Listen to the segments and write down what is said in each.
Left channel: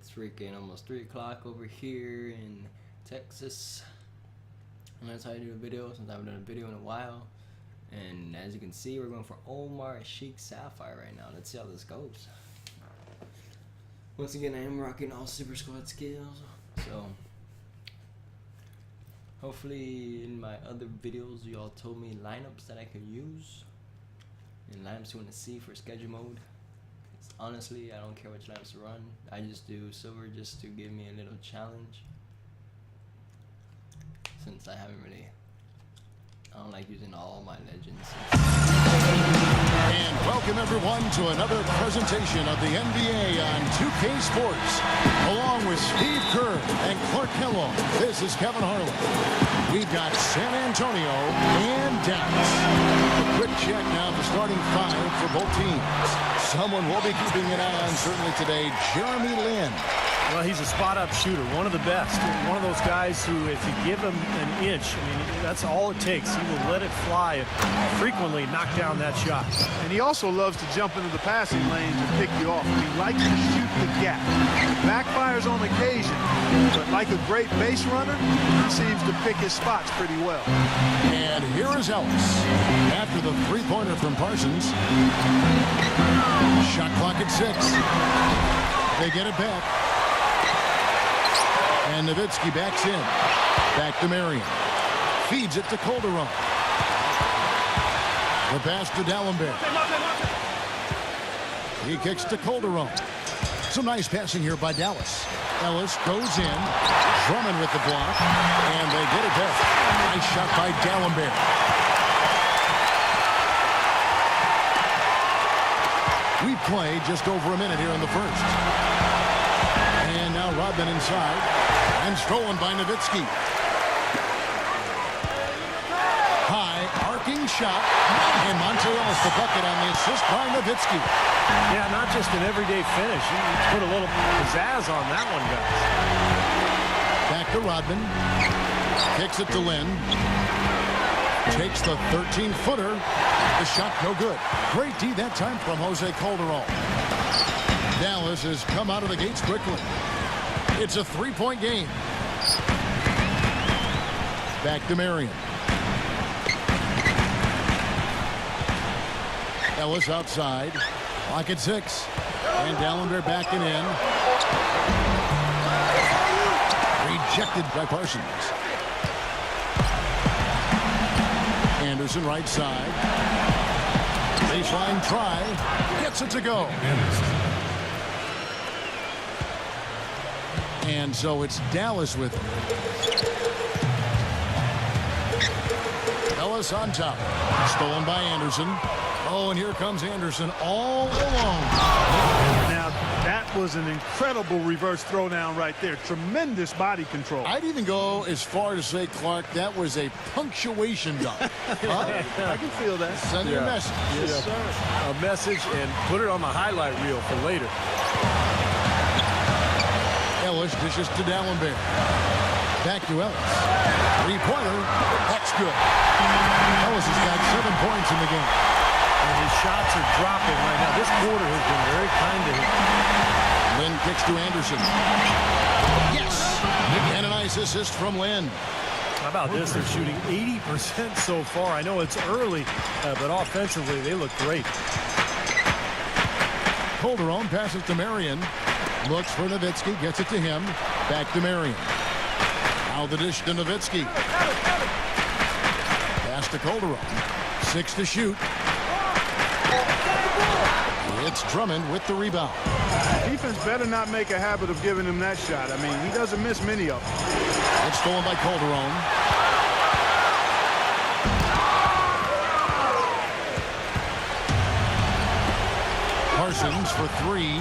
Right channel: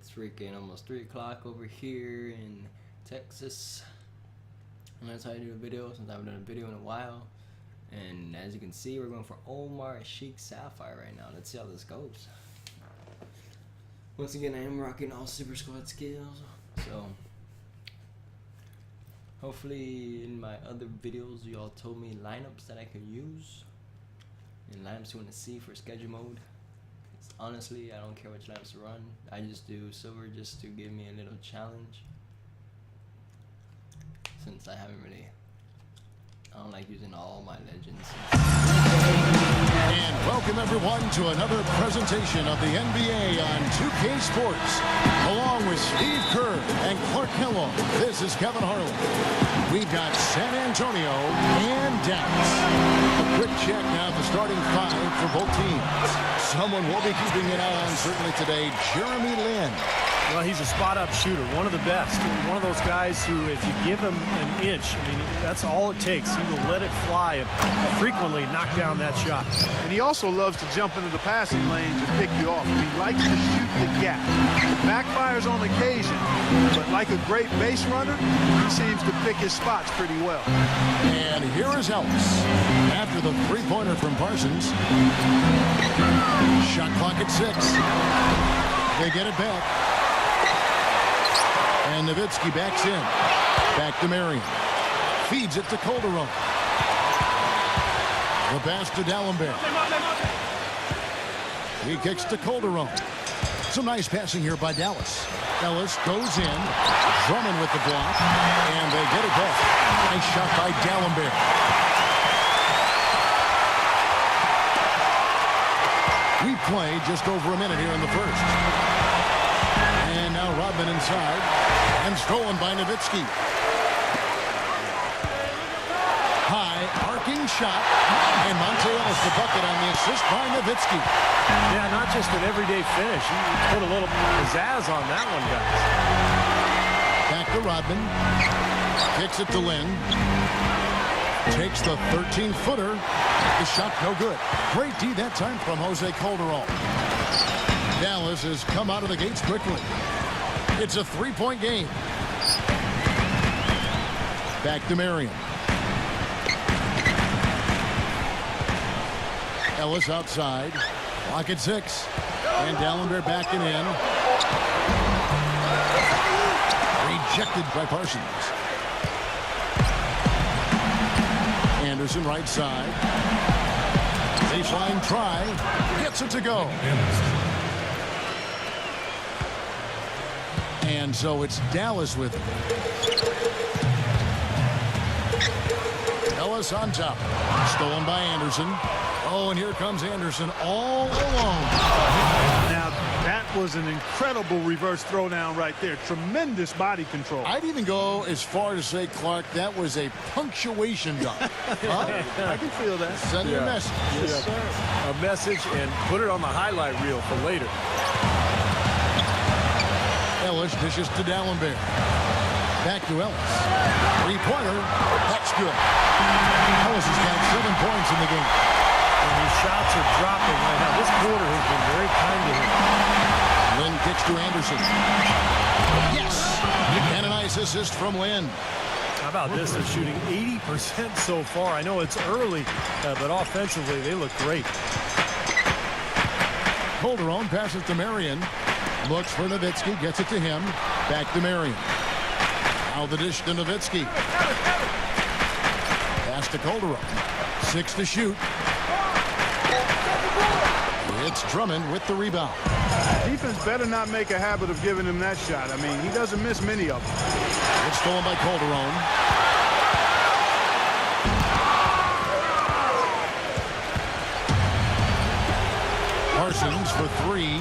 It's freaking almost 3 o'clock over here in Texas. And that's how I do a video, since I haven't done a video in a while. And as you can see, we're going for Omar Sheik Sapphire right now. Let's see how this goes. Once again, I am rocking all Super Squad skills. So, hopefully in my other videos, you all told me lineups that I could use. And lineups you want to see for schedule mode. Honestly, I don't care which lineups to run. I just do silver just to give me a little challenge. Since I don't like using all my legends. And welcome everyone to another presentation of the NBA on 2K Sports. Along with Steve Kerr and Clark Kellogg, this is Kevin Harlan. We've got San Antonio and Dallas. A quick check now at the starting 5 for both teams. Someone we'll be keeping an eye on certainly today, Jeremy Lin. Well, he's a spot-up shooter, one of the best. One of those guys who, if you give him an inch, I mean, that's all it takes. He will let it fly and frequently knock down that shot. And he also loves to jump into the passing lanes and pick you off. I mean, he likes to shoot the gap. It backfires on occasion, but like a great base runner, he seems to pick his spots pretty well. And here is Ellis. After the three-pointer from Parsons. Shot clock at 6. They get it back. And Nowitzki backs in. Back to Marion. Feeds it to Calderon. The pass to D'Alembert. He kicks to Calderon. Some nice passing here by Dallas. Ellis goes in. Drummond with the block. And they get it back. Nice shot by D'Alembert. We play just over a minute here in the first. And now Rodman inside. And stolen by Nowitzki. High, arcing shot. And Monte Ellis the bucket on the assist by Nowitzki. Yeah, not just an everyday finish. He put a little pizzazz on that one, guys. Back to Rodman. Kicks it to Lin. Takes the 13-footer. The shot no good. Great D that time from Jose Calderon. Dallas has come out of the gates quickly. It's a 3-point game. Back to Marion. Ellis outside. Clock at 6. And D'Alembert backing in. Rejected by Parsons. Anderson right side. Baseline try. Gets it to go. And so it's Dallas with him. Ellis on top. Stolen by Anderson. Oh, and here comes Anderson all alone. Now, that was an incredible reverse throwdown right there. Tremendous body control. I'd even go as far to say, Clark, that was a punctuation dunk. Huh? I can feel that. Send a message. Yes, sir. A message, and put it on the highlight reel for later. Ellis dishes to D'Alembert. Back to Ellis. Three-pointer. That's good. Ellis has got 7 points in the game. And his shots are dropping right now. This quarter has been very kind to him. Lin kicks to Anderson. Yes! And a nice assist from Lin. How about this? They're shooting 80% so far. I know it's early, but offensively, they look great. Calderon passes to Marion. Looks for Nowitzki. Gets it to him. Back to Marion. Now the dish to Nowitzki. Pass to Calderon. 6 to shoot. It's Drummond with the rebound. Defense better not make a habit of giving him that shot. I mean, he doesn't miss many of them. It's stolen by Calderon. Parsons for 3.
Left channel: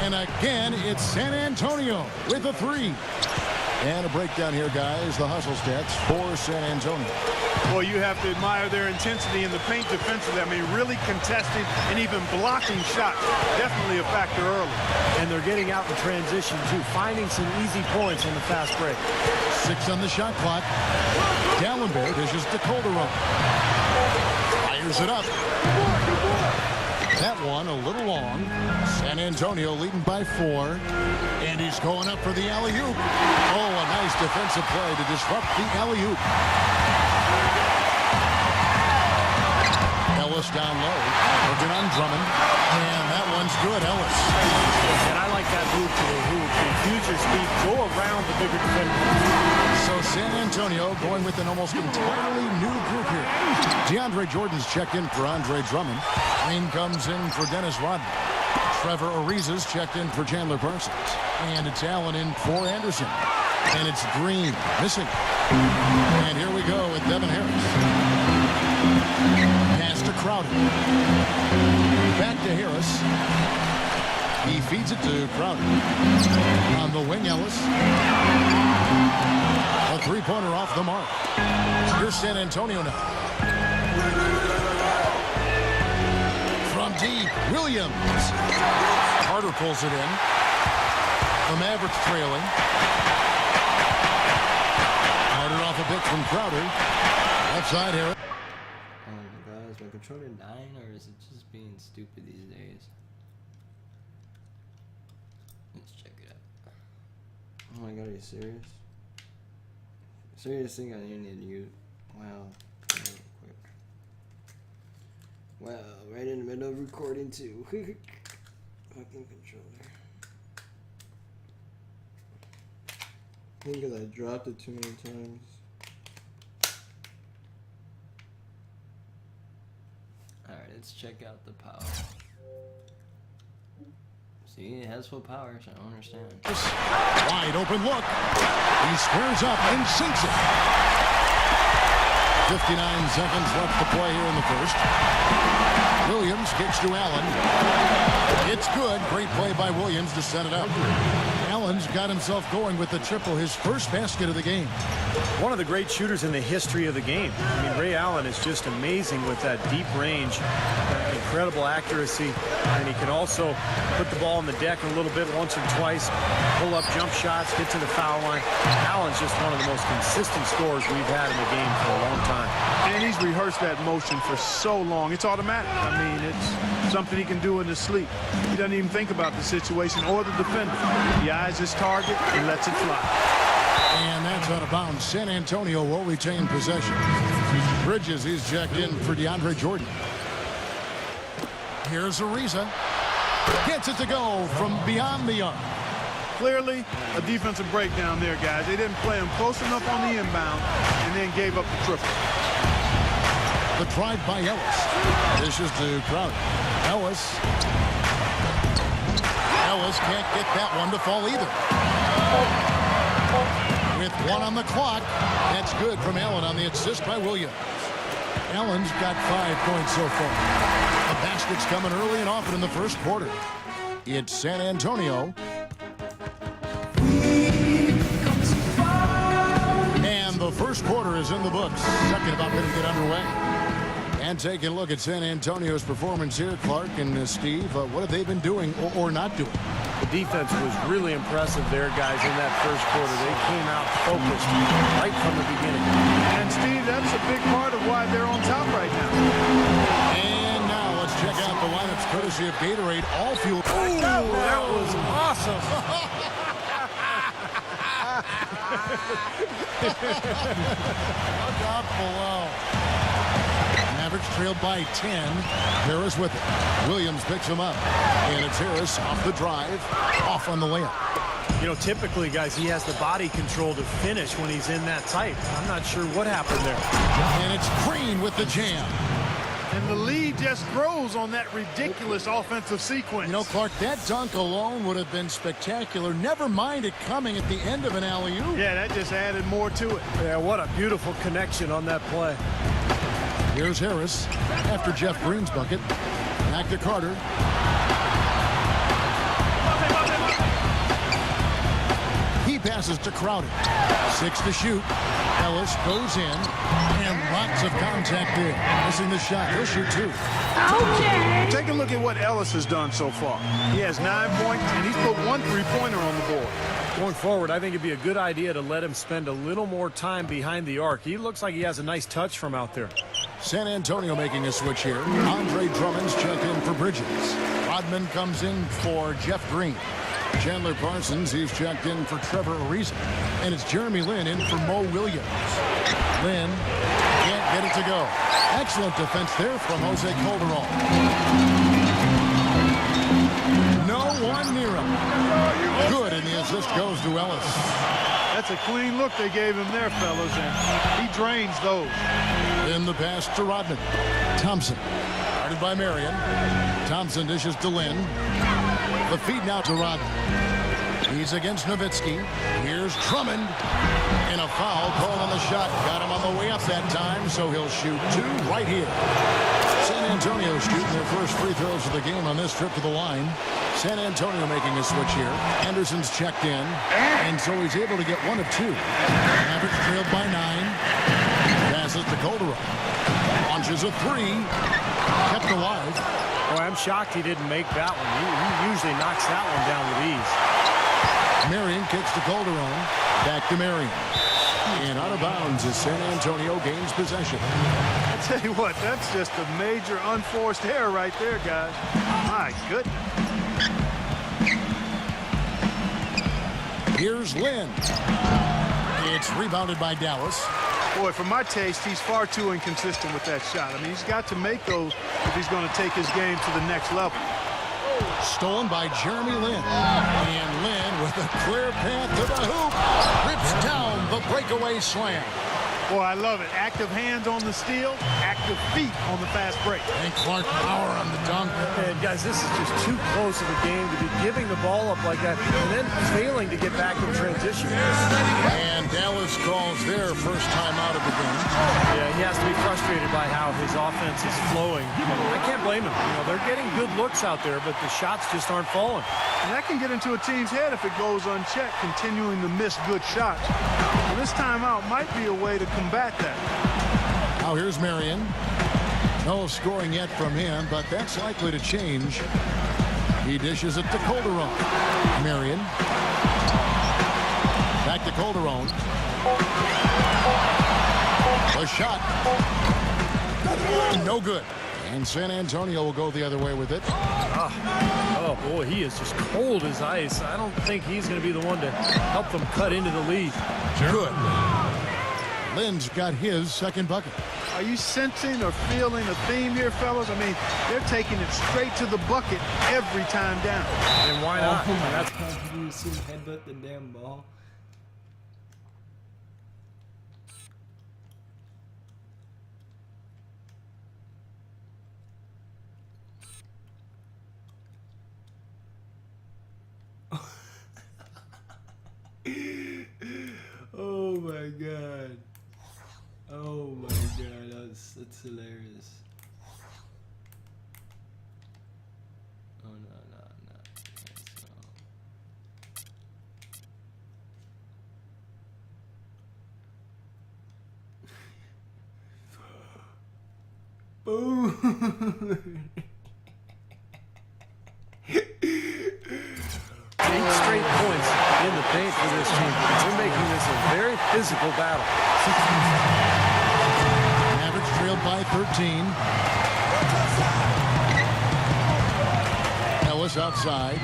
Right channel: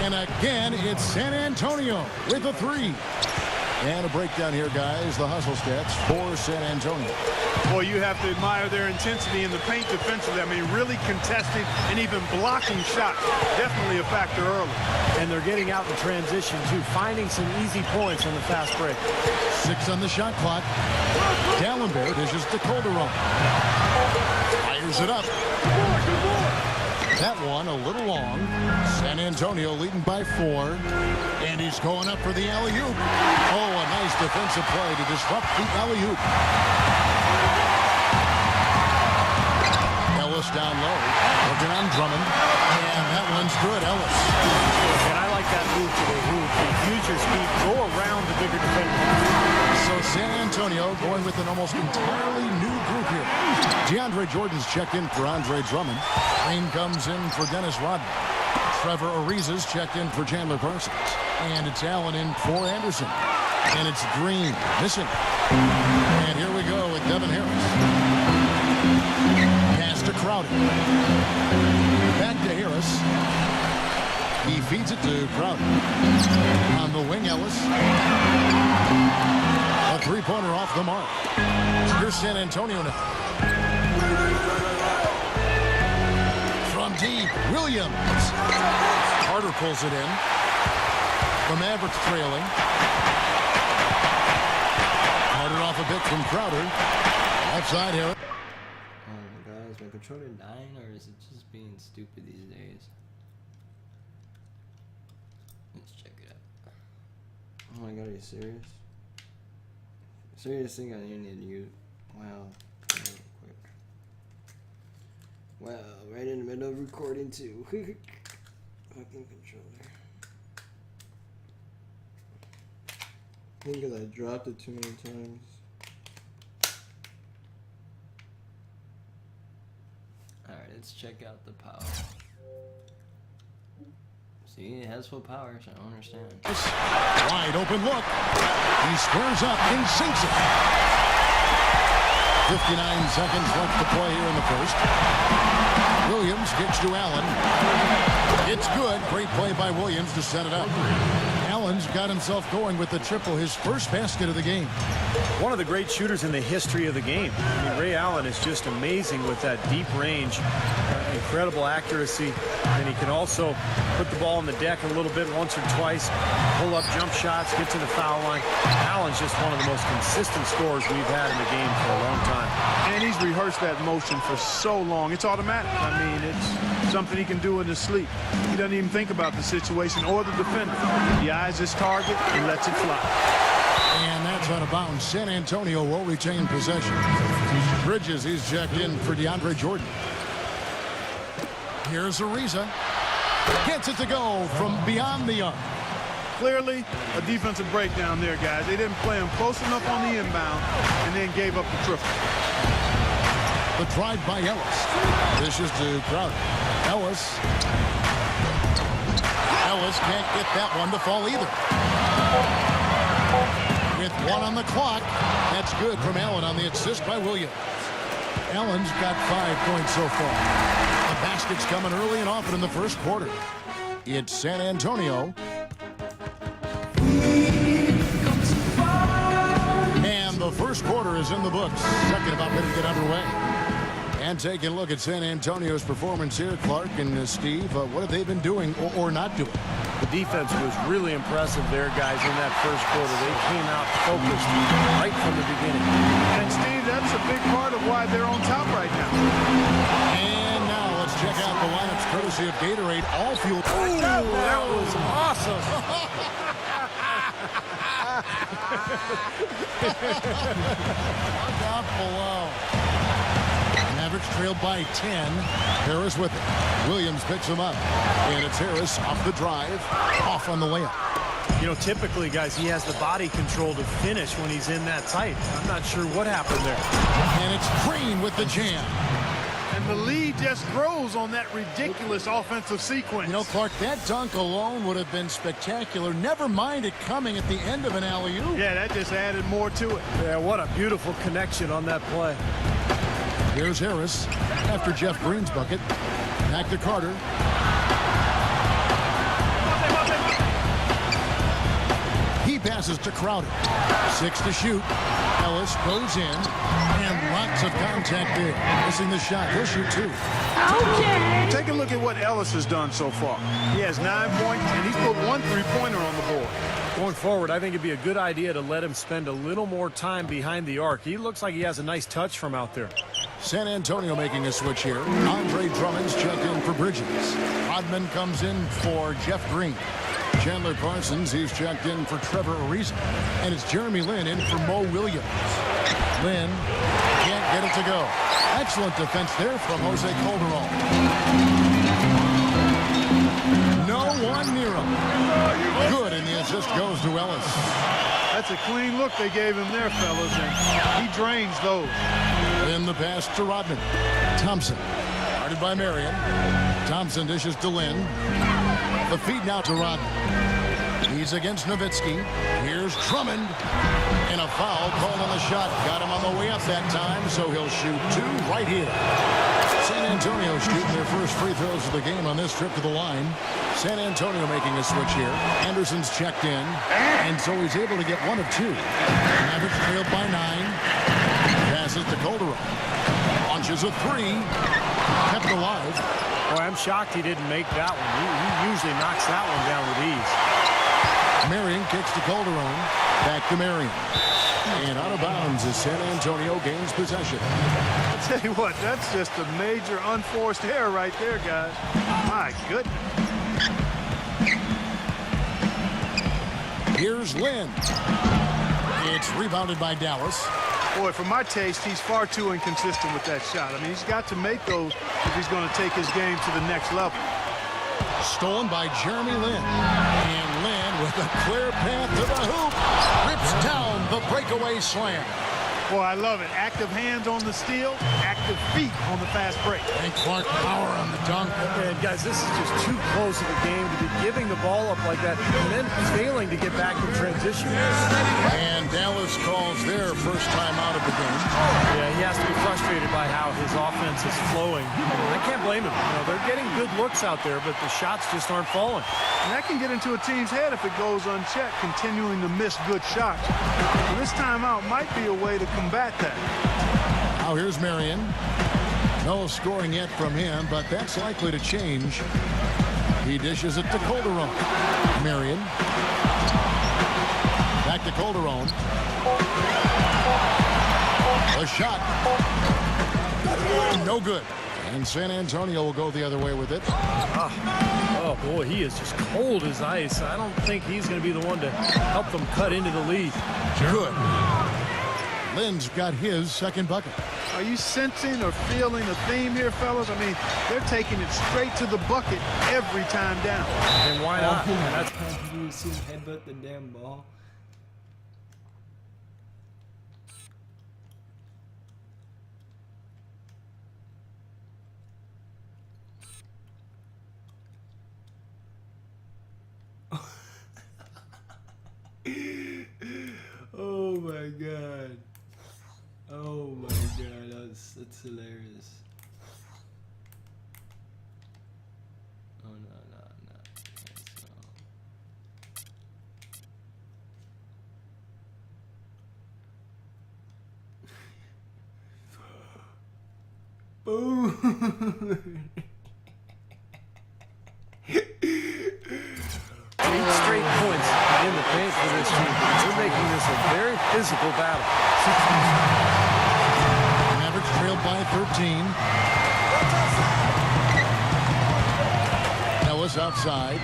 And again, it's San Antonio with a 3. And a breakdown here, guys. The hustle stats for San Antonio. Boy, you have to admire their intensity in the paint defensively. I mean, really contesting and even blocking shots. Definitely a factor early. And they're getting out in transition, too, finding some easy points on the fast break. 6 on the shot clock. D'Alembert dishes to Calderon. Fires it up. That one a little long. San Antonio leading by 4. And he's going up for the alley-oop. Oh, a nice defensive play to disrupt the alley-oop. Ellis down low, working on Drummond. And that one's good, Ellis. And I like that move to the hoop. To use your speed, go around the bigger defender. So San Antonio going with an almost entirely new group here. DeAndre Jordan's checked in for Andre Drummond. Green comes in for Dennis Rodman. Trevor Ariza's checked in for Chandler Parsons. And it's Allen in for Anderson. And it's Green missing. And here we go with Devin Harris. Pass to Crowder. Back to Harris. He feeds it to Crowder. On the wing, Ellis. A three-pointer off the mark. Here's San Antonio now. From deep, Williams. Carter pulls it in. The Mavericks trailing. Carter off a bit from Crowder. Left side, Harris. Oh my god, is my controller dying or is it just being stupid these days? Let's check it out. Oh my god, are you serious? Serious thing I need you. Wow. Real quick. Wow, right in the middle of recording too. Fucking controller. I think because I dropped it too many times. Alright, let's check out the power. See, it has full power, so I don't understand. Wide open look. He squares up and sinks it. 59 seconds left to play here in the first. Williams kicks to Allen. It's good. Great play by Williams to set it up. Allen's got himself going with the triple, his first basket of the game. One of the great shooters in the history of the game. I mean, Ray Allen is just amazing with that deep range, incredible accuracy, and he can also put the ball on the deck a little bit once or twice, pull up jump shots, get to the foul line. Allen's just one of the most consistent scorers we've had in the game for a long time. And he's rehearsed that motion for so long. It's automatic. I mean, it's something he can do in his sleep. He doesn't even think about the situation or the defender. He eyes his target and lets it fly. And that's out of bounds. San Antonio will retain possession. Bridges, he's checked in for DeAndre Jordan. Here's Ariza. Gets it to go from beyond the arc. Clearly, a defensive breakdown there, guys. They didn't play him close enough on the inbound and then gave up the triple. The drive by Ellis. Dishes to Crowder. Ellis. Ellis can't get that one to fall either. With one on the clock, that's good from Allen on the assist by Williams. Allen's got 5 points so far. The basket's coming early and often in the first quarter. It's San Antonio. And the first quarter is in the books. Second about ready to get underway. And taking a look at San Antonio's performance here, Clark and Steve, what have they been doing or not doing? The defense was really impressive there, guys, in that first quarter. They came out focused right from the beginning. And, Steve, that's a big part of why they're on top right now. And now let's check out the lineups courtesy of Gatorade All Fuel. Ooh, that was awesome. Look out below. Mavericks trailed by 10. Harris with it. Williams picks him up. And it's Harris off the drive, off on the layup. You know, typically, guys, he has the body control to finish when he's in that tight. I'm not sure what happened there. And it's Green with the jam. And the lead just grows on that ridiculous offensive sequence. You know, Clark, that dunk alone would have been spectacular. Never mind it coming at the end of an alley-oop. Yeah, that just added more to it. Yeah, what a beautiful connection on that play. Here's Harris after Jeff Green's bucket. Back to Carter. He passes to Crowder. 6 to shoot. Ellis goes in. And lots of contact there. Missing the shot. He'll shoot 2. Take a look at what Ellis has done so far. He has 9 points, and he's put 1 3-pointer on the board. Going forward, I think it'd be a good idea to let him spend a little more time behind the arc. He looks like he has a nice touch from out there. San Antonio making a switch here. Andre Drummond's checked in for Bridges. Rodman comes in for Jeff Green. Chandler Parsons, he's checked in for Trevor Ariza. And it's Jeremy Lin in for Mo Williams. Lin can't get it to go. Excellent defense there from Jose Calderon. No one near him. Good, and the assist goes to Ellis. That's a clean look they gave him there, fellas, and he drains those. Lin the pass to Rodman. Thompson, guarded by Marion. Thompson dishes to Lin. The feed now to Rodman. He's against Nowitzki. Here's Drummond. And a foul called on the shot. Got him on the way up that time, so he'll shoot two right here. San Antonio shooting their first free throws of the game on this trip to the line. San Antonio making a switch here. Anderson's checked in, and so he's able to get one of two. Mavericks trailed by 9. Passes to Calderon. Launches a three. Kept alive. Boy, I'm shocked he didn't make that one. He usually knocks that one down with ease. Marion kicks to Calderon. Back to Marion. And out of bounds as San Antonio gains possession. I tell you what, that's just a major unforced error right there, guys. My goodness. Here's Lin. It's rebounded by Dallas. Boy, for my taste, he's far too inconsistent with that shot. I mean, he's got to make those if he's going to take his game to the next level. Stolen by Jeremy Lin. And Lin with a clear path to the hoop. Rips down the breakaway slam. Boy, I love it. Active hands on the steal, active feet on the fast break. And Clark power on the dunk. And guys, this is just too close of a game to be giving the ball up like that and then failing to get back in transition. And Dallas calls their first time out of the game. Yeah, he has to be frustrated by how his offense is flowing. And I can't blame him. You know, they're getting good looks out there, but the shots just aren't falling. And that can get into a team's head if it goes unchecked, continuing to miss good shots. So this timeout might be a way to combat that. Now here's Marion. No scoring yet from him, but that's likely to change. He dishes it to Calderon. Marion. Back to Calderon. A shot. No good. And San Antonio will go the other way with it. Oh, boy, he is just cold as ice. I don't think he's going to be the one to help them cut into the lead. Good. Lin's got his second bucket. Are you sensing or feeling a theme here, fellas? I mean, they're taking it straight to the bucket every time down. And why not? Oh my God, did you see him headbutt the damn ball? Oh my God. Oh my God, that's hilarious. Oh no. Boom. 8 straight points in the paint for this team. They're making this a very physical battle. Mavericks trailed by 13. Watch outside. Ellis outside.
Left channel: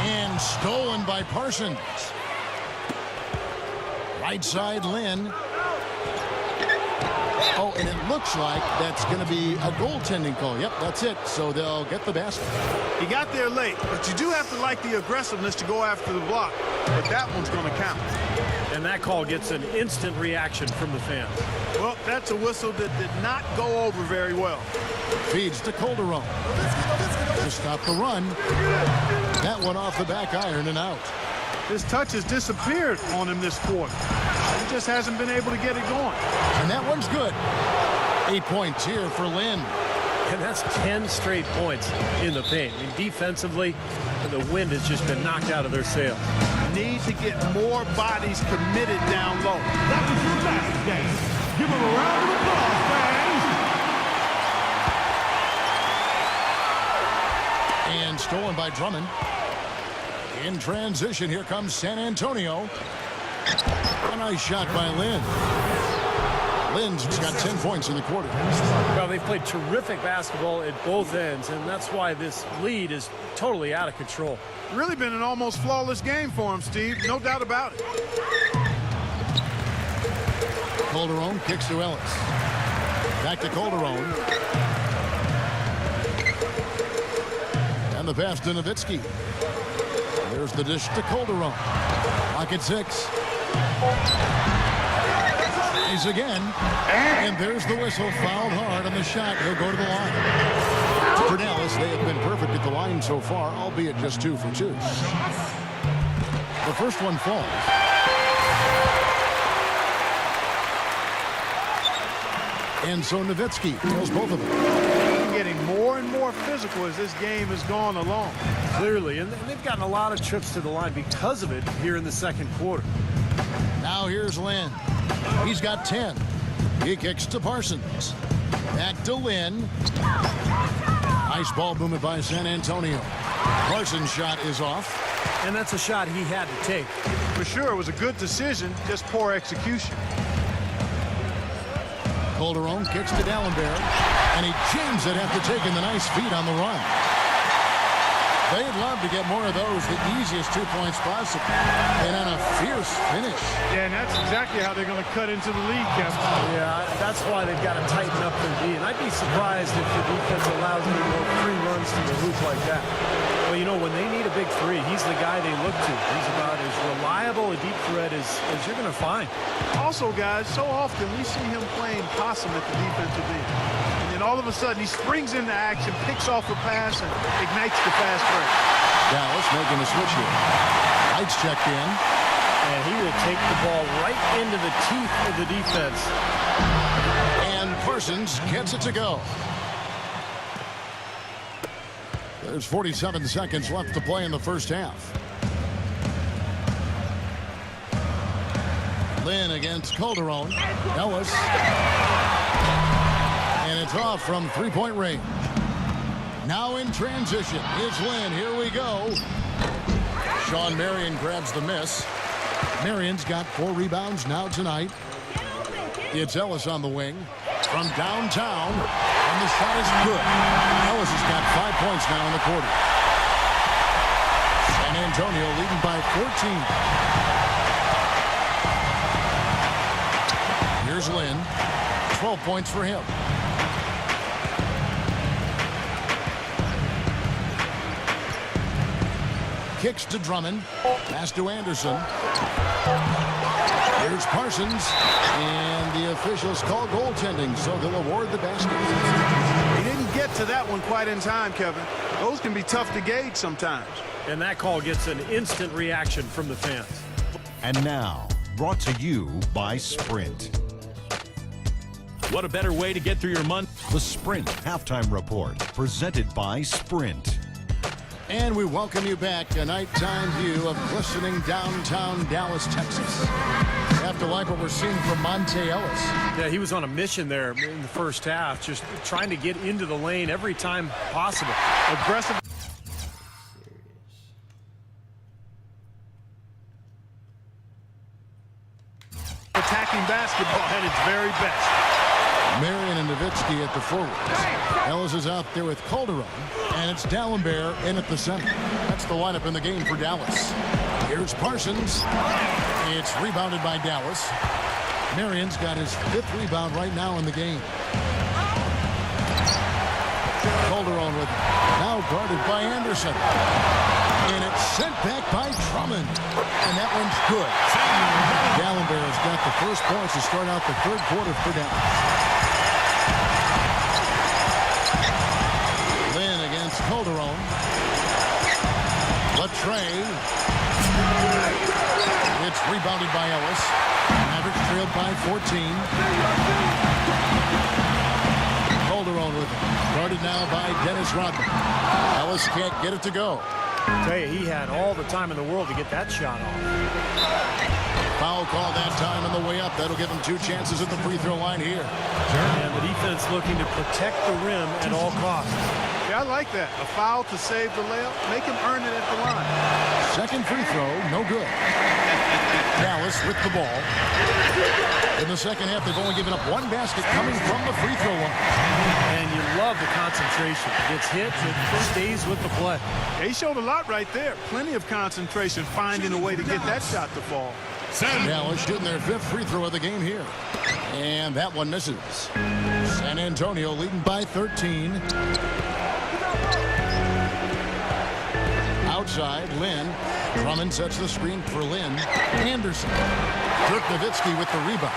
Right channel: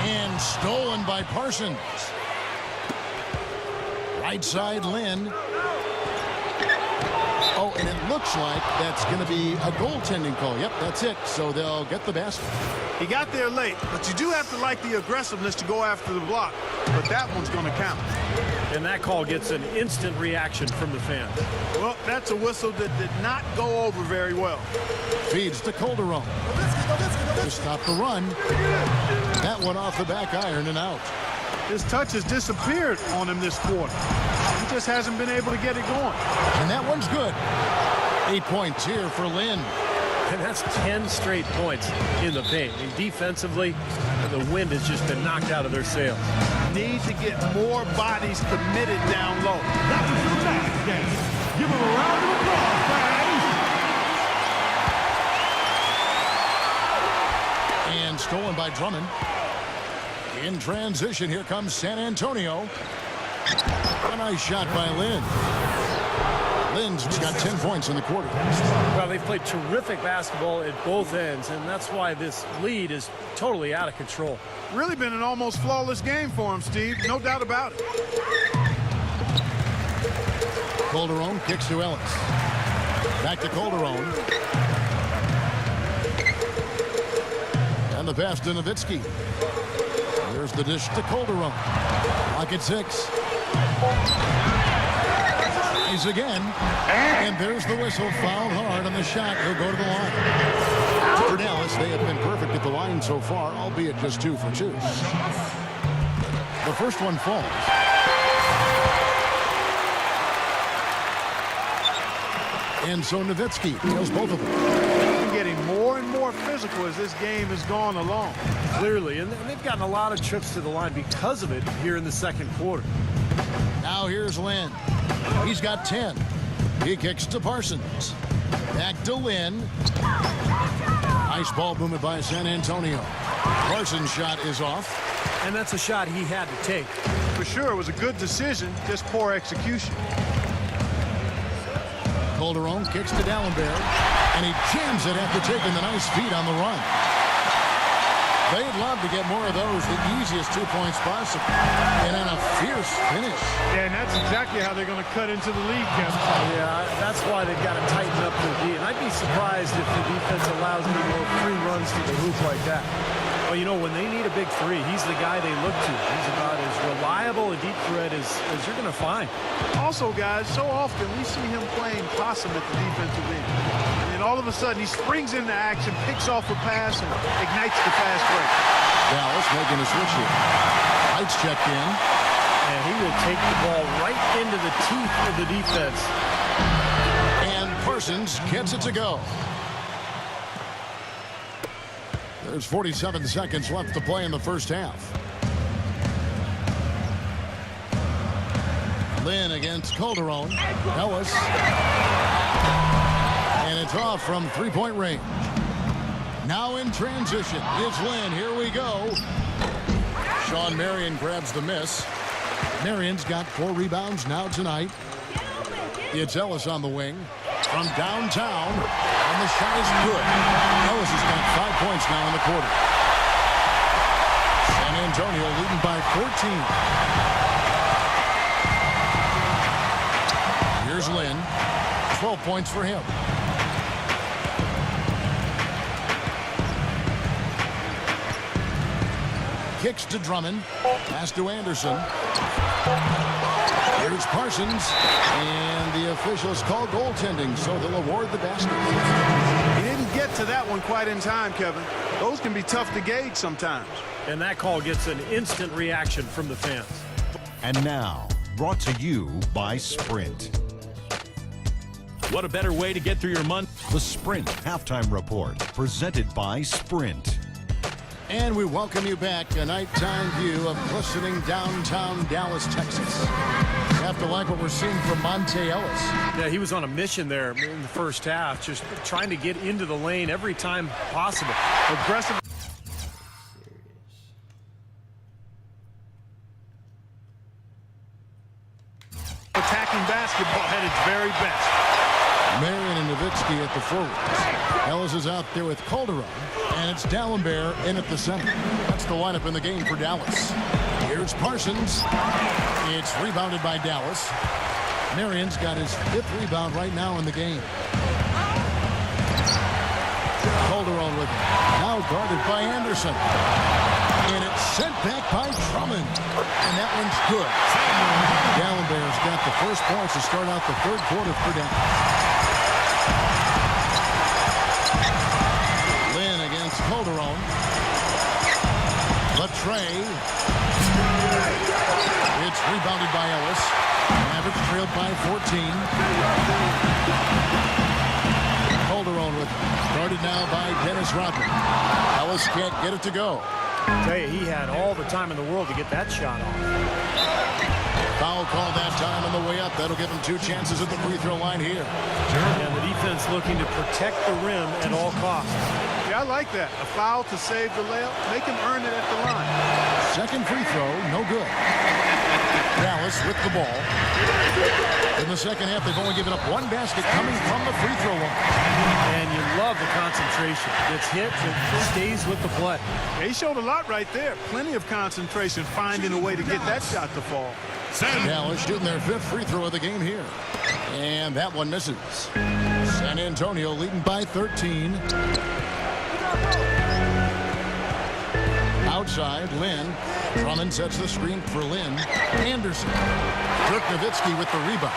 And stolen by Parsons. Right side, Lin. Oh, and it looks like that's going to be a goaltending call. Yep, that's it. So they'll get the basket. He got there late, but you do have to like the aggressiveness to go after the block. But that one's going to count. And that call gets an instant reaction from the fans. Well, that's a whistle that did not go over very well. Feeds to Calderon. To stop the run. That one off the back iron and out. His touch has disappeared on him this quarter. He just hasn't been able to get it going. And that one's good. 8 points here for Lin. And that's 10 straight points in the paint. I mean, defensively, the wind has just been knocked out of their sails. Need to get more bodies committed down low. And stolen by Drummond. In transition, here comes San Antonio. A nice shot by Lin. Lynn's got 10 points in the quarter. Well, they've played terrific basketball at both ends, and that's why this lead is totally out of control. Really been an almost flawless game for him, Steve. No doubt about it. Calderon kicks to Ellis. Back to Calderon. And the pass to Nowitzki. There's the dish to Calderon. Lock at 6. He's again. And there's the whistle. Fouled hard on the shot. He'll go to the line. For Dallas, they have been perfect at the line so far, albeit just 2 for 2. The first one falls. And so Nowitzki nails both of them. Been getting more and more physical as this game has gone along. Clearly, and they've gotten a lot of trips to the line because of it here in the second quarter. Now here's Lynn. He's got 10. He kicks to Parsons. Back to Lynn. Nice ball movement by San Antonio. Parsons' shot is off. And that's a shot he had to take. For sure, it was a good decision, just poor execution. Calderon kicks to D'Alembert, and he jams it after taking the nice feed on the run. They'd love to get more of those, the easiest 2 points possible, and on a fierce finish. Yeah, and that's exactly how they're going to cut into the lead, Kevin. Yeah, that's why they've got to tighten up their D. And I'd be surprised if the defense allows any more free runs to the hoop like that. Well, you know, when they need a big three, he's the guy they look to. He's about as reliable a deep threat as you're going to find. Also, guys, so often we see him playing possum at the defensive end. And then all of a sudden he springs into action, picks off a pass, and ignites the fast break. Dallas making a switch here. Heights checked in. And he will take the ball right into the teeth of the defense. And Parsons gets it to go. There's 47 seconds left to play in the first half. Lynn against Calderon. Ellis. And it's off from three-point range. Now in transition, it's Lynn. Here we go. Sean Marion grabs the miss. Marion's got 4 rebounds now tonight. It's Ellis on the wing from downtown, and the shot is good. Ellis has got 5 points now in the quarter. San Antonio leading by 14. Here's Lynn. 12 points for him. Kicks to Drummond. Pass to Anderson. Here's Parsons. And the officials call goaltending, so they'll award the basket. He didn't get to that one quite in time, Kevin. Those can be tough to gauge sometimes. And that call gets an instant reaction from the fans. And now, brought to you by Sprint. What a better way to get through your month. The Sprint Halftime Report, presented by Sprint. And we welcome you back, a nighttime view of glistening downtown Dallas, Texas. You have to like what we're seeing from Monte Ellis. Yeah, he was on a mission there in the first half, just trying to get into the lane every time possible. Aggressive. Attacking basketball at its very best. Marion and Nowitzki at the forwards. Ellis is out there with Calderon, and it's D'Alembert in at the center. That's the lineup in the game for Dallas. Here's Parsons. It's rebounded by Dallas. Marion's got his 5th rebound right now in the game. Calderon with it. Now guarded by Anderson. And it's sent back by Drummond. And that one's good. D'Alembert has got the first points to start out the third quarter for Dallas. Lynn against Calderon. Latre. It's rebounded by Ellis. Mavericks trailed by 14. Calderon with it. Guarded now by Dennis Rodman. Ellis can't get it to go. Tell you, he had all the time in the world to get that shot off. Foul call that time on the way up. That'll give him 2 chances at the free throw line here. And the defense looking to protect the rim at all costs. Yeah, I like that. A foul to save the layup. Make him earn it at the line. Second free throw, no good. Dallas with the ball. In the second half, they've only given up one basket coming from the free throw line. And you love the concentration. Gets hit, but stays with the play. Yeah, he showed a lot right there. Plenty of concentration, finding a way to get that shot to fall. Dallas shooting their 5th free throw of the game here. And that one misses. San Antonio leading by 13. Outside, Lynn. Drummond sets the screen for Lynn. Anderson. Dirk Nowitzki with the rebound.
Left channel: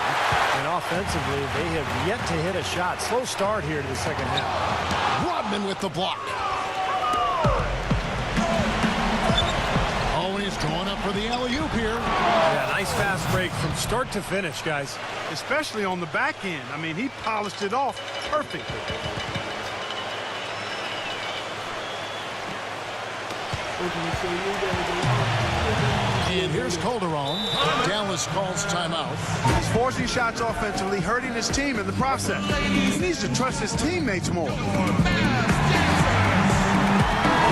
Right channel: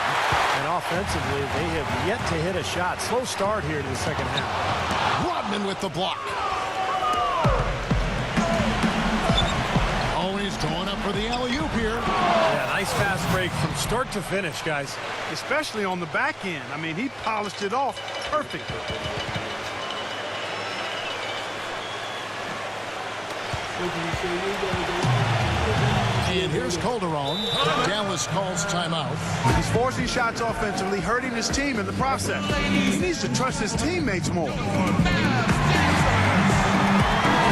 And offensively, they have yet to hit a shot. Slow start here to the second half. Rodman with the block. Oh, and he's going up for the alley-oop here. Yeah, nice fast break from start to finish, guys. Especially on the back end. I mean, he polished it off perfectly. And here's Calderon. Dallas calls timeout. He's forcing shots offensively, hurting his team in the process. He needs to trust his teammates more.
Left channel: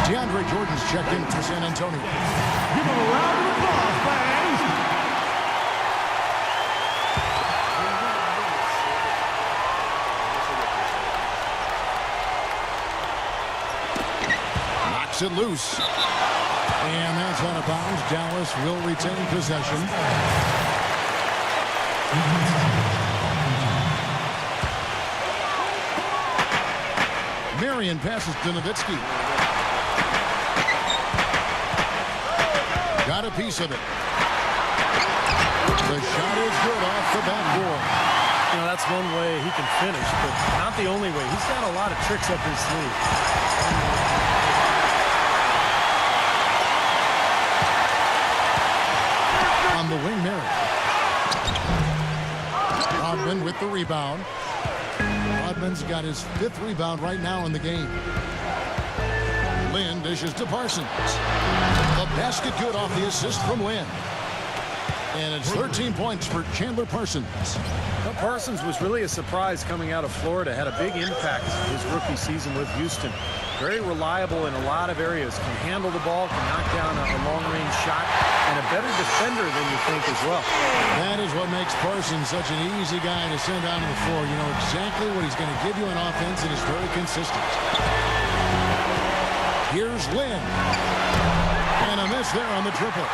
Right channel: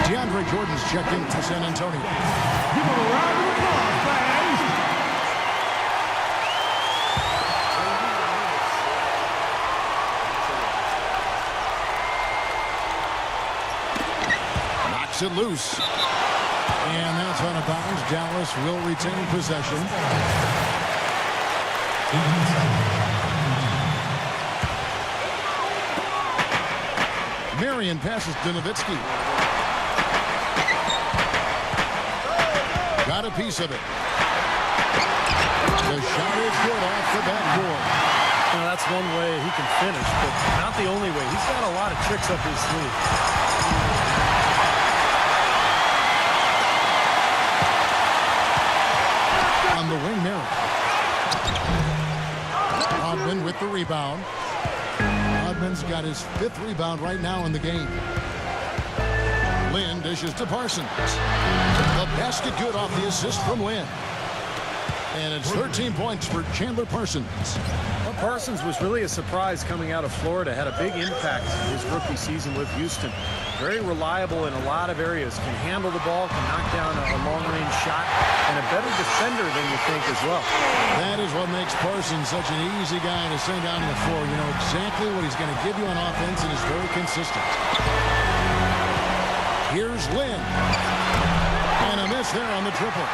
DeAndre Jordan's checked in for San Antonio. Knocks it loose. And that's out of bounds. Dallas will retain possession. Marion passes to Nowitzki. Got a piece of it. The shot is good off the backboard. You know, that's one way he can finish, but not the only way. He's got a lot of tricks up his sleeve. On the wing, Marion. Rodman with the rebound. Rodman's got his 5th rebound right now in the game. Lynn dishes to Parsons. The basket good off the assist from Lynn. And it's 13 points for Chandler Parsons. Well, Parsons was really a surprise coming out of Florida. Had a big impact his rookie season with Houston. Very reliable in a lot of areas. Can handle the ball, can knock down a long-range shot, and a better defender than you think as well. That is what makes Parsons such an easy guy to send down to the floor. You know exactly what he's going to give you on offense and is very consistent. Here's Lynn. And a miss there on the triple.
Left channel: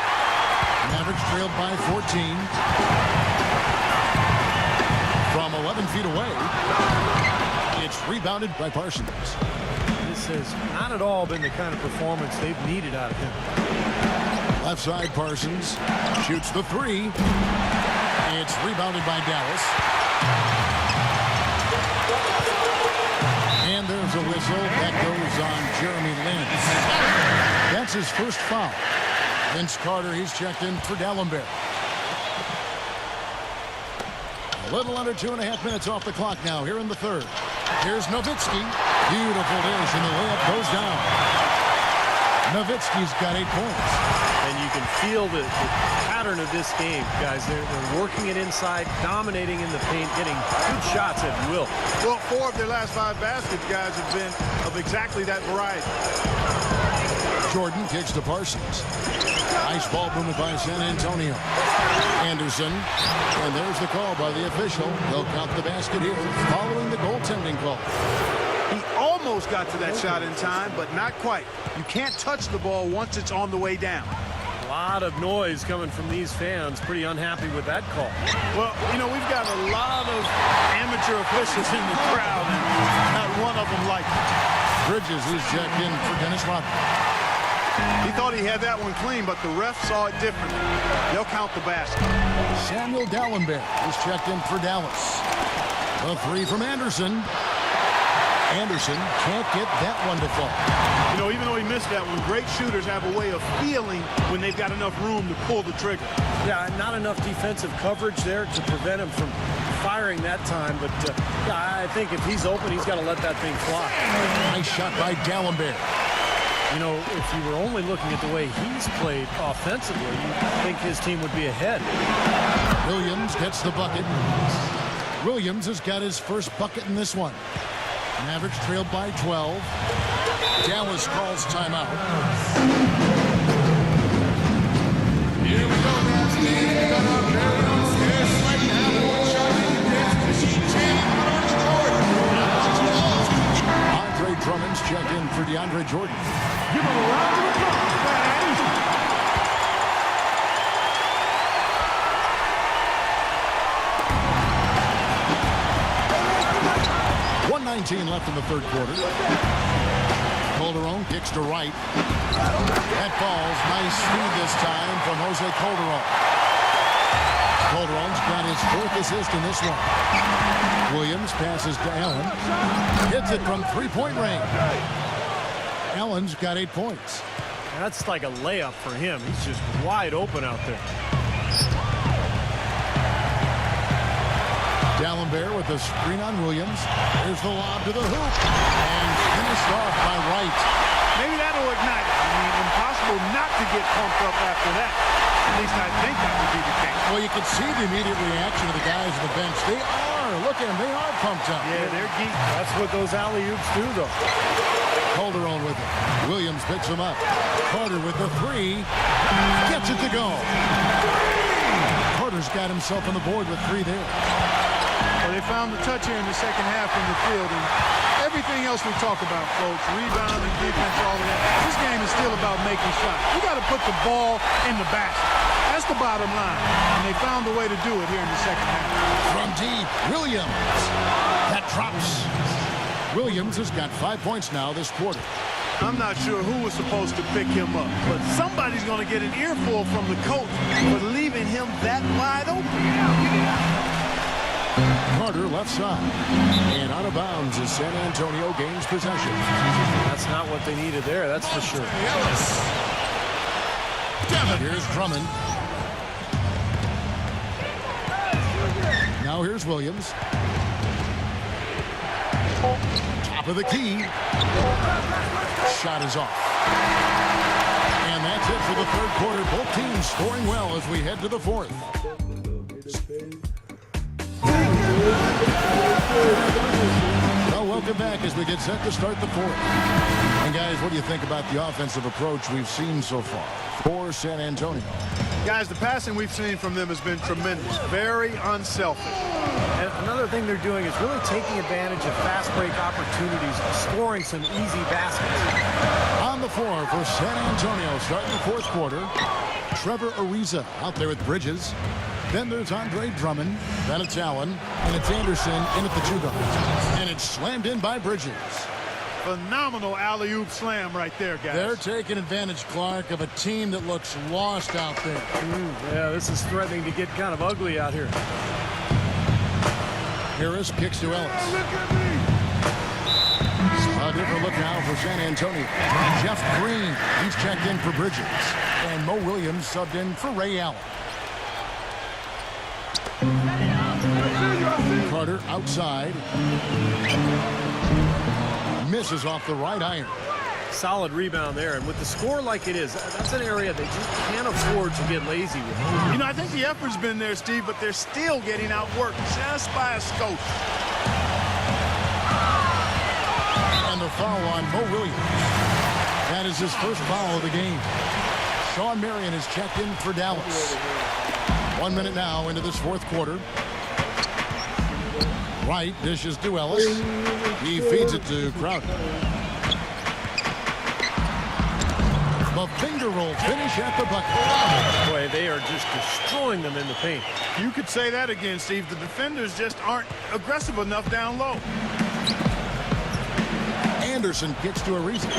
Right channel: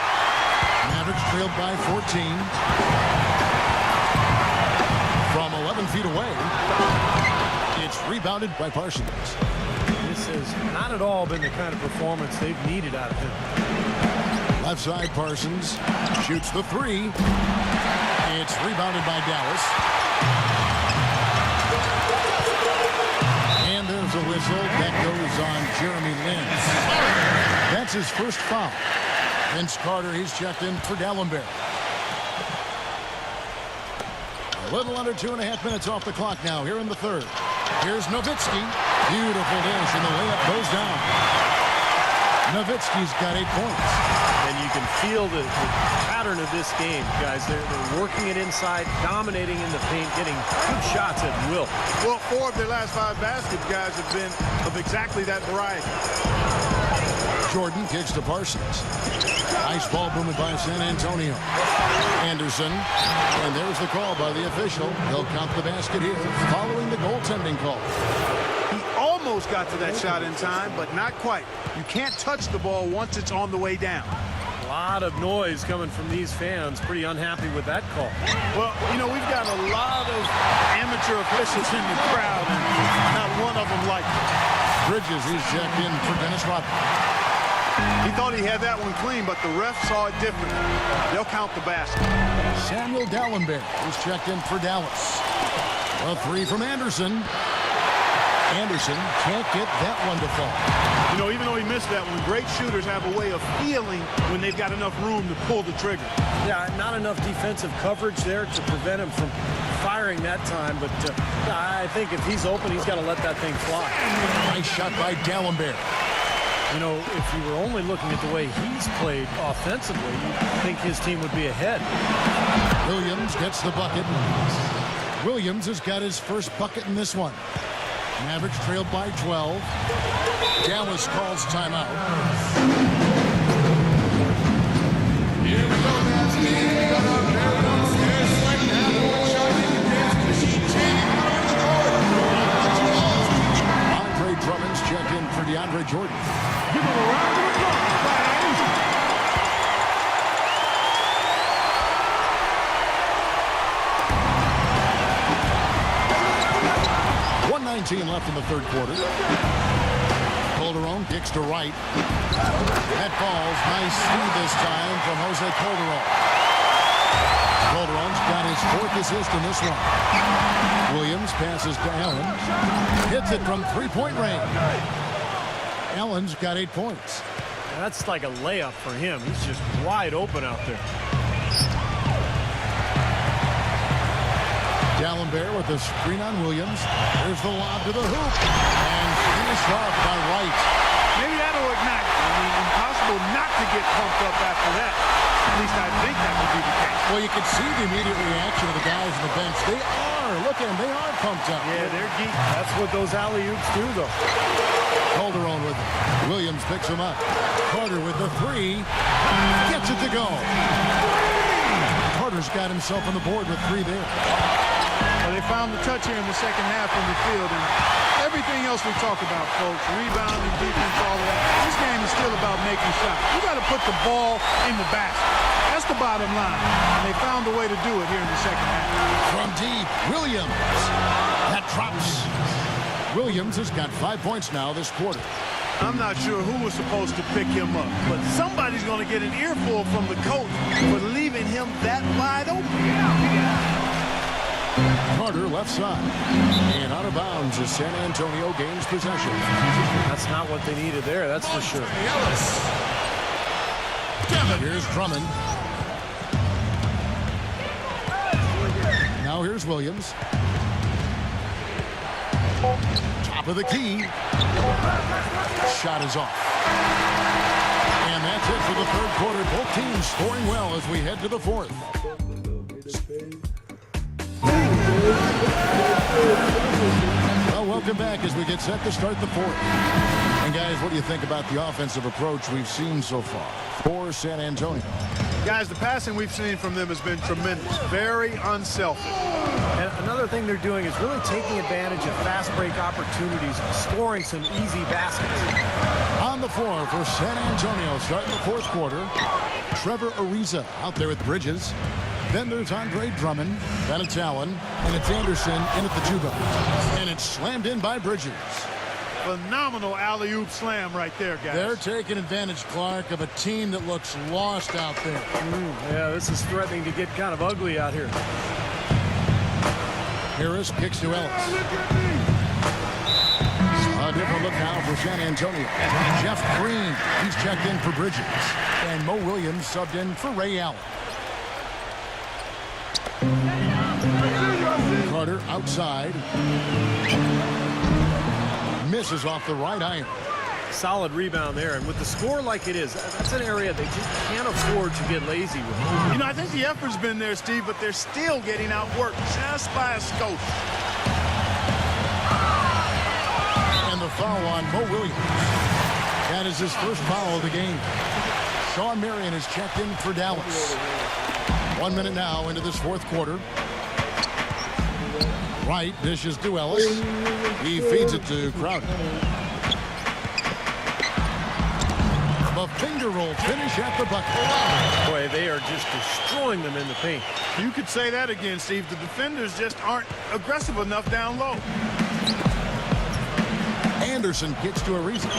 Mavericks trailed by 14. From 11 feet away, it's rebounded by Parsons. This has not at all been the kind of performance they've needed out of him. Left side, Parsons shoots the 3. It's rebounded by Dallas. And there's a whistle. That goes on Jeremy Lin. That's his first foul. Vince Carter, he's checked in for Dallenberg. A little under 2.5 minutes off the clock now here in the third. Here's Nowitzki. Beautiful dish, and the layup goes down. Nowitzki's got 8 points. And you can feel the pattern of this game, guys. They're working it inside, dominating in the paint, getting good shots at will. Well, 4 of their last 5 baskets, guys, have been of exactly that variety. Jordan kicks to Parsons. Nice ball movement by San Antonio. Anderson. And there's the call by the official. They'll count the basket here following the goaltending call. He almost got to that shot in time, but not quite. You can't touch the ball once it's on the way down. A lot of noise coming from these fans. Pretty unhappy with that call. Well, you know, we've got a lot of amateur officials in the crowd, and not one of them liked it. Bridges, he's checked in for Dennis Rodman. He thought he had that one clean, but the ref saw it differently. They'll count the basket. Samuel Dallenberg is checked in for Dallas. A 3 from Anderson. Anderson can't get that one to fall. You know, even though he missed that one, great shooters have a way of feeling when they've got enough room to pull the trigger. Yeah, not enough defensive coverage there to prevent him from firing that time. But yeah, I think if he's open, he's got to let that thing fly. Nice shot by Dallenberg. You know, if you were only looking at the way he's played offensively, you'd think his team would be ahead. Williams gets the bucket. Williams has got his first bucket in this one. Mavericks trailed by 12. Dallas calls timeout. Drummond's checked in for DeAndre Jordan. .119 left in the third quarter. Calderon kicks to right. That falls. Nice speed this time from Jose Calderon. Calderon's got his 4th assist in this one. Williams passes to Allen. Hits it from three-point range. Allen's got 8 points. That's like a layup for him. He's just wide open out there. D'Alembert with the screen on Williams. There's the lob to the hoop. And finished off by Wright. Maybe that'll ignite it. I mean, impossible not to get pumped up after that. At least I think that would be the case. Well, you can see the immediate reaction of the guys on the bench. They are. Look at them. They are pumped up. Yeah, they're geek. That's what those alley-oops do, though. Calderon with it. Williams picks him up. Carter with the 3. Gets it to go. Carter's got himself on the board with 3 there. Well, they found the touch here in the second half from the field, and everything else we talk about, folks, rebounding, defense, all of that, this game is still about making shots. You got to put the ball in the basket. That's the bottom line, and they found a way to do it here in the second half. From deep, Williams. That drops. Williams has got 5 points now this quarter. I'm not sure who was supposed to pick him up, but somebody's going to get an earful from the coach for leaving him that wide open. Get out. Carter left side. And out of bounds as San Antonio gains possession. That's not what they needed there, that's for sure. Here's Drummond. Now here's Williams. Top of the key. Shot is off. And that's it for the third quarter. Both teams scoring well as we head to the fourth. Well, welcome back as we get set to start the fourth. And guys, what do you think about the offensive approach we've seen so far for San Antonio? Guys, the passing we've seen from them has been tremendous. Very unselfish. And another thing they're doing is really taking advantage of fast break opportunities, scoring some easy baskets. On the floor for San Antonio, starting the fourth quarter, Trevor Ariza out there with Bridges. Then there's Andre Drummond. Then it's Allen. And it's Anderson in at the 2 guard. And it's slammed in by Bridges. Phenomenal alley-oop slam right there, guys. They're taking advantage, Clark, of a team that looks lost out there. Yeah, this is threatening to get kind of ugly out here. Harris kicks to Ellis. Yeah, look at me. A different look now for San Antonio. Jeff Green, he's checked in for Bridges. And Mo Williams subbed in for Ray Allen. Carter outside. Misses off the right iron. Solid rebound there, and with the score like it is, that's an area they just can't afford to get lazy with. You know, I think the effort's been there, Steve, but they're still getting outworked just by a skosh. And the foul on Mo Williams. That is his first foul of the game. Sean Marion is checked in for Dallas. 1 minute now into this fourth quarter. Wright dishes to Ellis. He feeds it to Crowder. The finger roll finish at the bucket. Boy, they are just destroying them in the paint. You could say that again, Steve. The defenders just aren't aggressive enough down low. Anderson kicks to Ariza.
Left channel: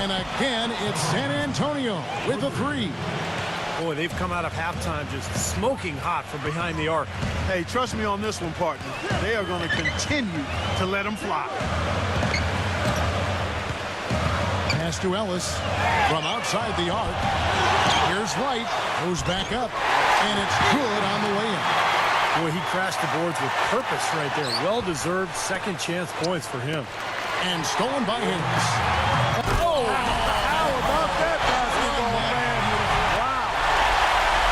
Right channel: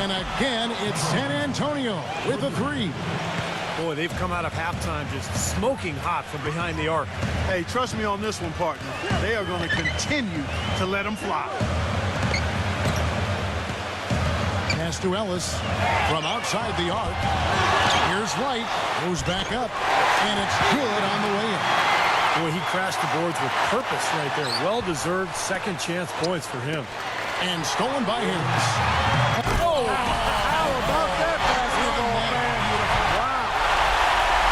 And again, it's San Antonio with a 3. Boy, they've come out of halftime just smoking hot from behind the arc. Hey, trust me on this one, partner. They are going to continue to let them fly. Pass to Ellis from outside the arc. Here's Wright. Goes back up. And it's good on the way in. Boy, he crashed the boards with purpose right there. Well-deserved second chance points for him. And stolen by Harris. Oh, how about that basketball, man? Beautiful. Wow.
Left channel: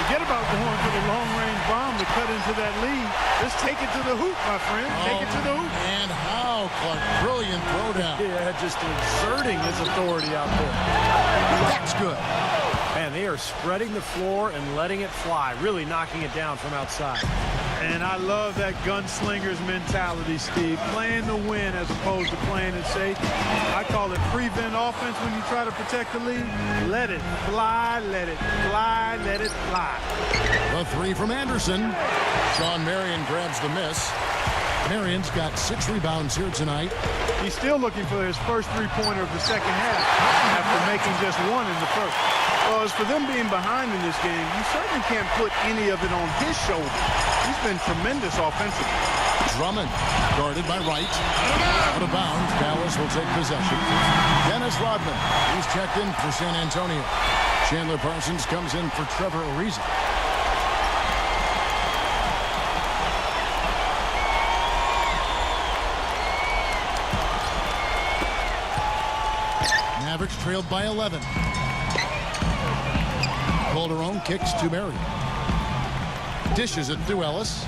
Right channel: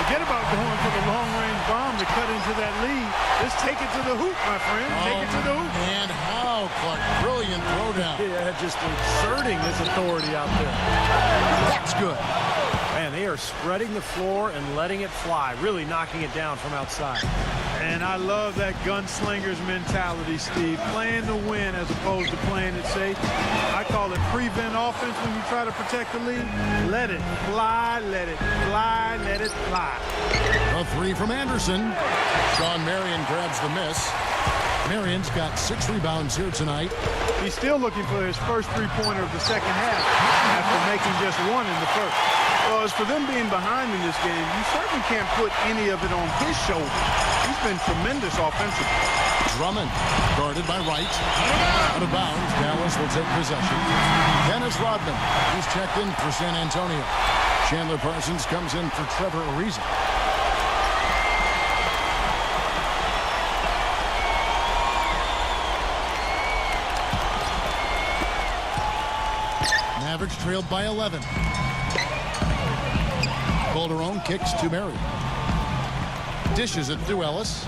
Forget about going for the long-range bomb to cut into that lead. Just take it to the hoop, my friend. Take it to the hoop. And how, Clark. Brilliant throwdown. Yeah, just exerting his authority out there. That's good. Man, they are spreading the floor and letting it fly, really knocking it down from outside. And I love that gunslinger's mentality, Steve. Playing to win as opposed to playing it safe. I call it prevent offense when you try to protect the lead. Let it fly, let it fly, let it fly. The three from Anderson. Sean Marion grabs the miss. Marion's got 6 rebounds here tonight. He's still looking for his first three-pointer of the second half after making just 1 in the first. Well, as for them being behind in this game, you certainly can't put any of it on his shoulders. He's been tremendous offensively. Drummond guarded by Wright. Out of bounds, Dallas will take possession. Dennis Rodman, he's checked in for San Antonio. Chandler Parsons comes in for Trevor Ariza. Mavericks trailed by 11. Calderon kicks to Marion. Dishes it to Ellis.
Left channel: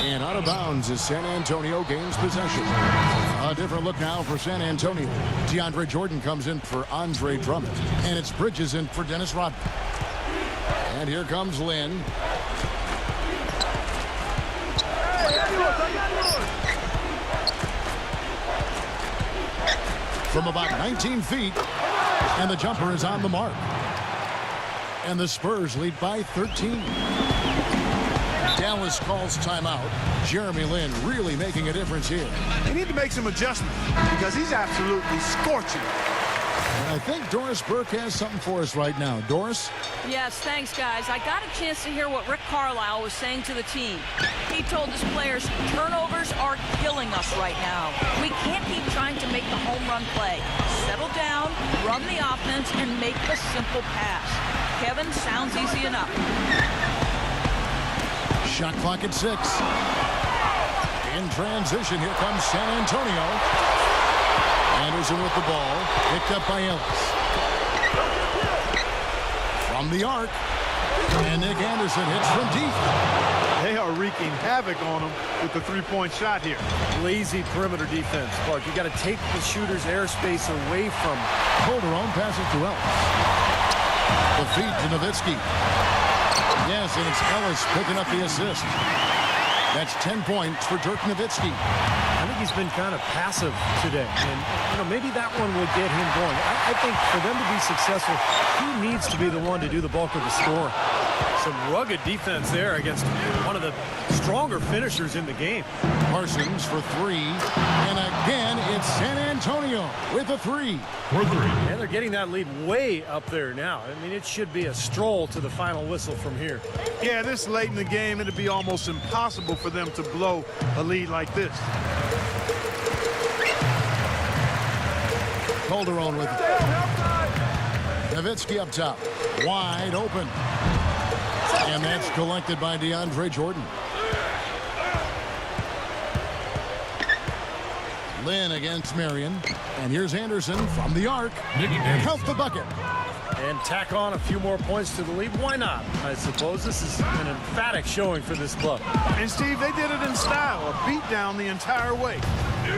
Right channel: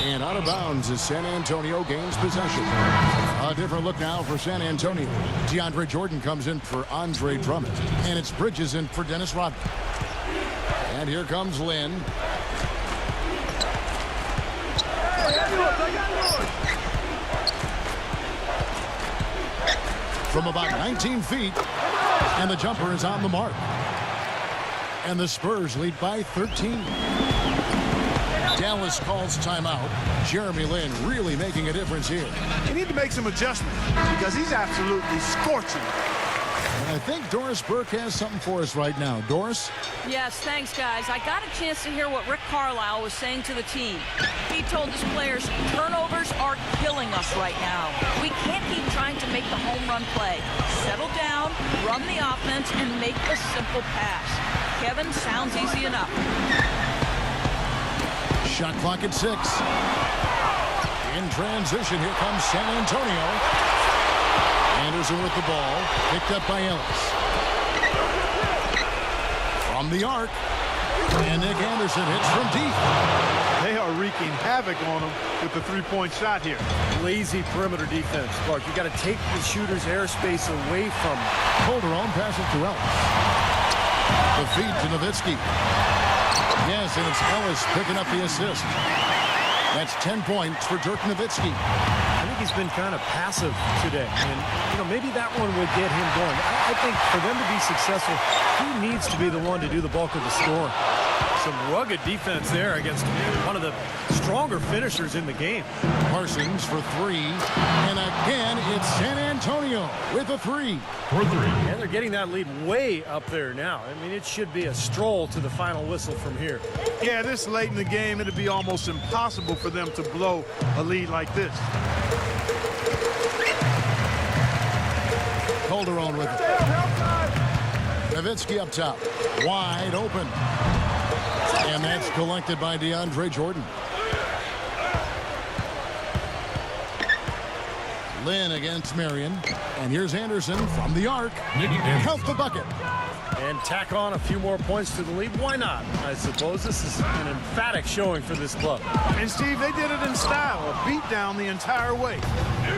And out of bounds as San Antonio gains possession. A different look now for San Antonio. DeAndre Jordan comes in for Andre Drummond. And it's Bridges in for Dennis Rodman. And here comes Lynn. Hey, I got yours, I got yours. From about 19 feet. And the jumper is on the mark. And the Spurs lead by 13. Dallas calls timeout. Jeremy Lin really making a difference here. You need to make some adjustments because he's absolutely scorching. And I think Doris Burke has something for us right now. Doris? Yes, thanks, guys. I got a chance to hear what Rick Carlisle was saying to the team. He told his players, turnovers are killing us right now. We can't keep trying to make the home run play. Settle down, run the offense, and make the simple pass. Kevin, sounds easy enough. Shot clock at 6. In transition, here comes San Antonio. Anderson with the ball, picked up by Ellis. From the arc, and Nick Anderson hits from deep. They are wreaking havoc on him with the three-point shot here. Lazy perimeter defense, Clark. You got to take the shooter's airspace away from him. Calderon passes to Ellis. The feed to Nowitzki. Yes, and it's Ellis picking up the assist. That's 10 points for Dirk Nowitzki. I think he's been kind of passive today. And, you know, maybe that one will get him going. I think for them to be successful, he needs to be the one to do the bulk of the scoring. Some rugged defense there against one of the stronger finishers in the game. Parsons for 3. And again, it's San Antonio with a 3. And they're getting that lead way up there now. I mean, it should be a stroll to the final whistle from here. Yeah, this late in the game, it'd be almost impossible for them to blow a lead like this. Calderon with it. Nowitzki up top. Wide open. And that's collected by DeAndre Jordan. Lynn against Marion. And here's Anderson from the arc. Count the bucket. And tack on a few more points to the lead. Why not? I suppose this is an emphatic showing for this club. And, Steve, they did it in style. A beat down the entire way.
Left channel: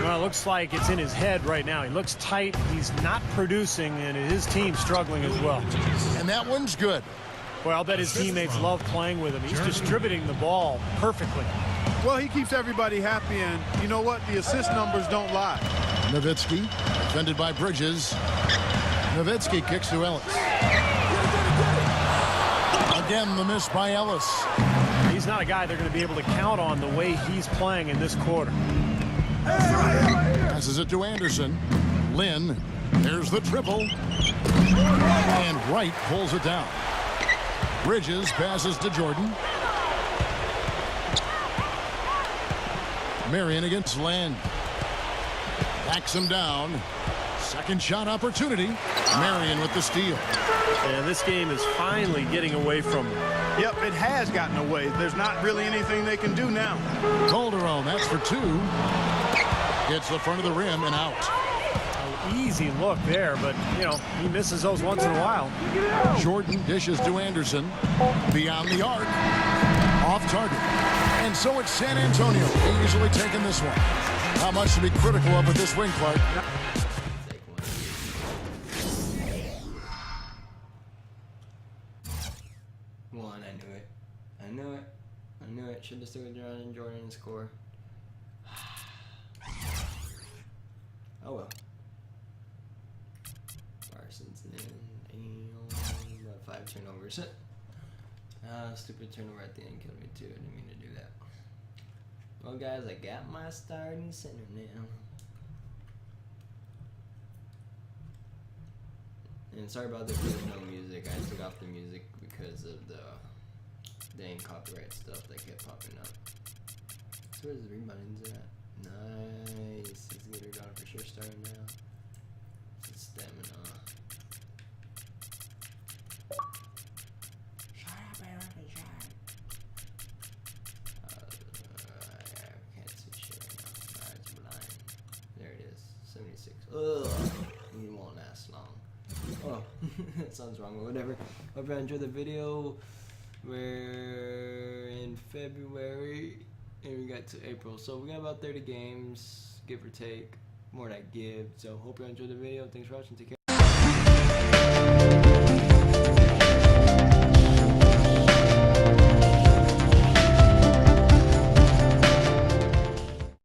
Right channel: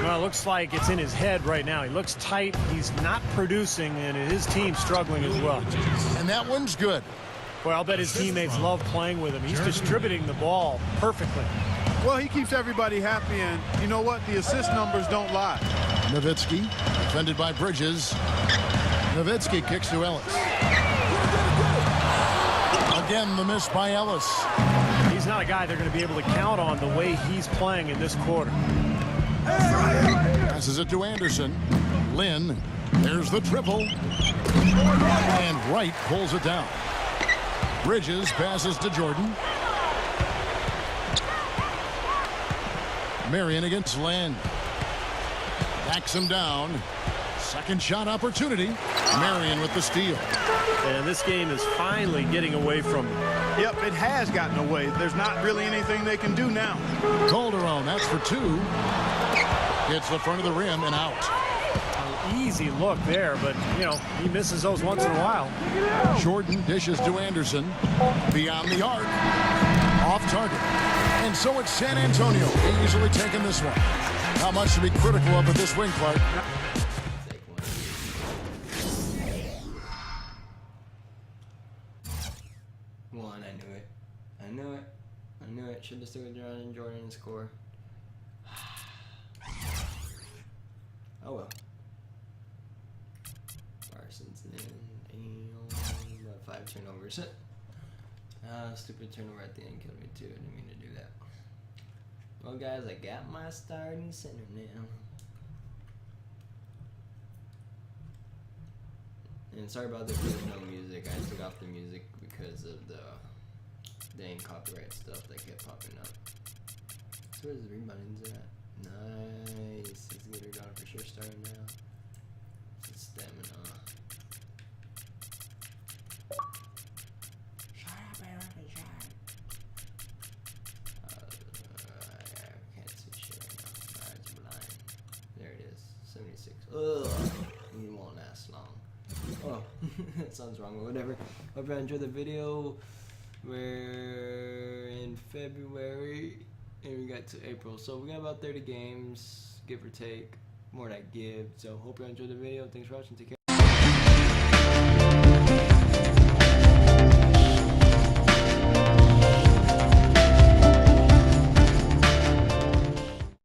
Well, it looks like it's in his head right now. He looks tight. He's not producing, and his team's struggling as well. And that one's good. Well, I'll bet his teammates love playing with him. He's distributing the ball perfectly. Well, he keeps everybody happy, and you know what? The assist numbers don't lie. Nowitzki, defended by Bridges. Nowitzki kicks to Ellis. Again, the miss by Ellis. He's not a guy they're going to be able to count on the way he's playing in this quarter. Passes it to Anderson. Lynn, there's the triple. And Wright pulls it down. Bridges passes to Jordan. Marion against Lynn. Backs him down. Second shot opportunity. Marion with the steal. And this game is finally getting away from him. Yep, it has gotten away. There's not really anything they can do now. Calderon, that's for 2. Hits the front of the rim and out. An easy look there, but, you know, he misses those once in a while. Jordan dishes to Anderson. Beyond the arc. Off target. And so it's San Antonio easily taking this one. Not much to be critical of with this win, Clark. One, I knew it. I knew it. I knew it. Should have stuck with Jordan and score. Oh well. Parsons in. About 5 turnovers. Stupid turnover at the end killed me too. I didn't mean to do that. Well, guys, I got my starting center now. And sorry about there's no music. I took off the music because of the dang copyright stuff that kept popping up. So where's the reboundings at? Nice. Let's get her down for sure starting now. It's stamina. I can't see shit right now. It's blind. There it is. 76. Ugh. It won't last long. Oh, that sounds wrong, but whatever. Hope you enjoyed the video. We're in February and we got to April, so we got about 30 games, give or take, more than I give. So hope you enjoyed the video. Thanks for watching. Take care.